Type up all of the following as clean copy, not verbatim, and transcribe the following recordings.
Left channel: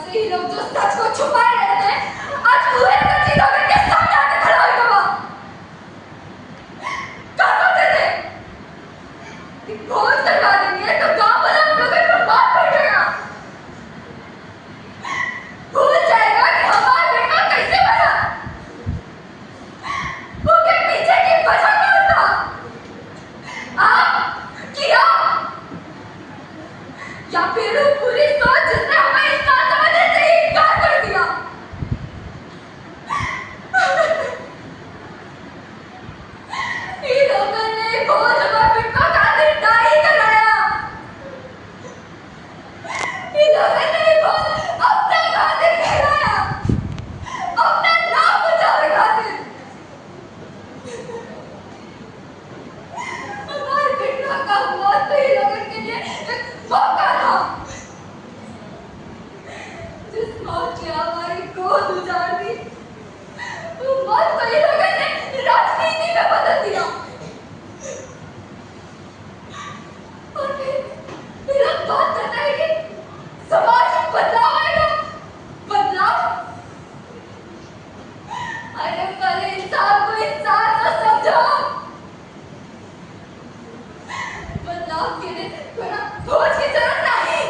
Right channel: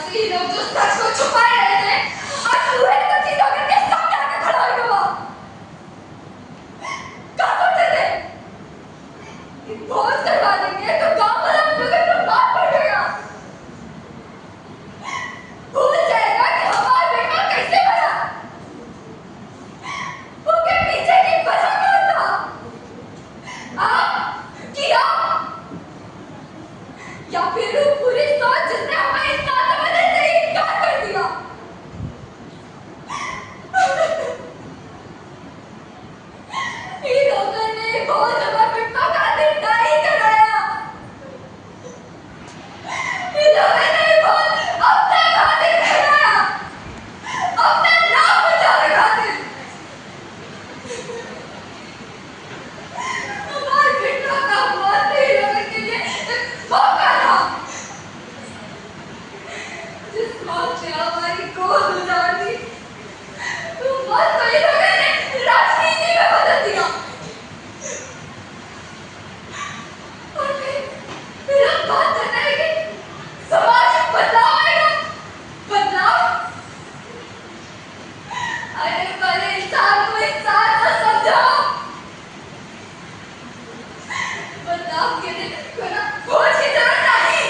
से ही लोग जो सच को छुपाए रहे थे आज पूरे कच्ची नौकर के सामने आके खड़ा हो गया। क्या सोचते थे कि भोज करवा देंगे तो गांव वाला हम लोगों को मार पड़ जाएगा, भूल जाएगा कि हमारा बेटा कैसे बना, उसके पीछे की वजह कौन था, आप किया या फिर वो पूरी सोच जिसने हमें इंसान समझने से ही इनकार कर दिया। इन लोगों ने बहुत हमारे पिता का दिन नहीं कराया, इन लोगों ने बहुत अपना खातिर कराया, अपना नाम बचाने खातिर। हमारे पिता का मौत इन लोगों के लिए एक मौका था, जिस मौत ने हमारी गोद उजाड़ दी, वो मौत को इन लोगों ने राजनीति में बदल दिया। और फिर हम बात करते हैं कि समाज में बदलाव आएगा, बदलाव। अरे पहले इंसान को इंसान न समझो, बदलाव के लिए कोई खोज की जरूरत नहीं,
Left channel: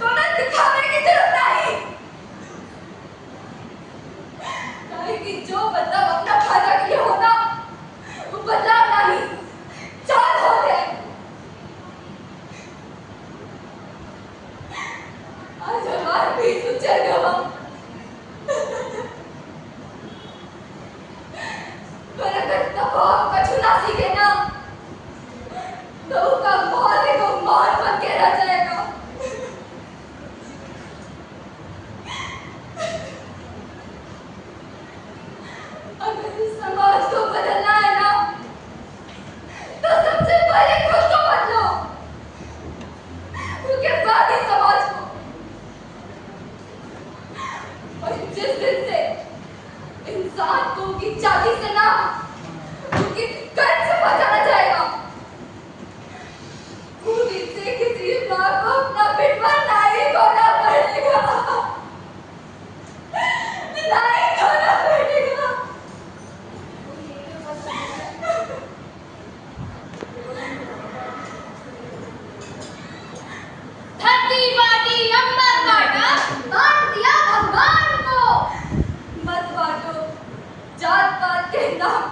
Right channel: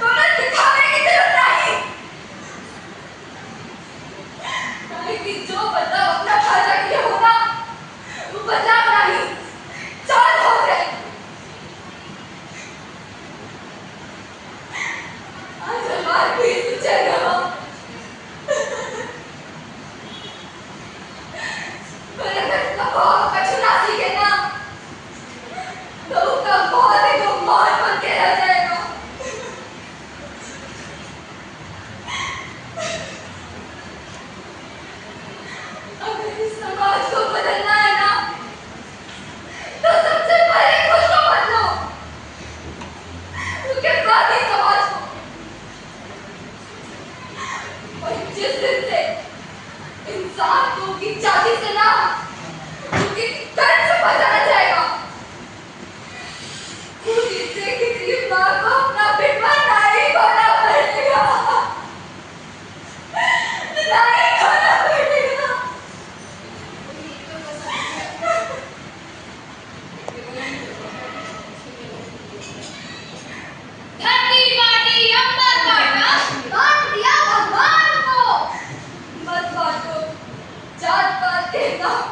कोई दिखाने की जरूरत नहीं, कि जो बदलाव अपना फायदा के लिए होगा वो बदलाव नहीं चाल हो जाए। आज हमारे बीच उछल गया, पर अगर कबाब का चुना सीखे ना तो उसका बहुत ही गुमान बन के रह जाएगा। अगर इस समाज को बदलना है ना तो सबसे पहले खुद को बदलो, उसके बाद ही समाज को। और जिस दिन से इंसान को उसकी जाति से ना उसकी कर्म से बचाना जाएगा, उस दिन से किसी माँ को अपना बेटा नहीं खोना पड़ेगा, नहीं खोना पड़ेगा। धरती बाटी अंबर बाटा बांट दिया भगवान को, मत बांटो जात पात के नाम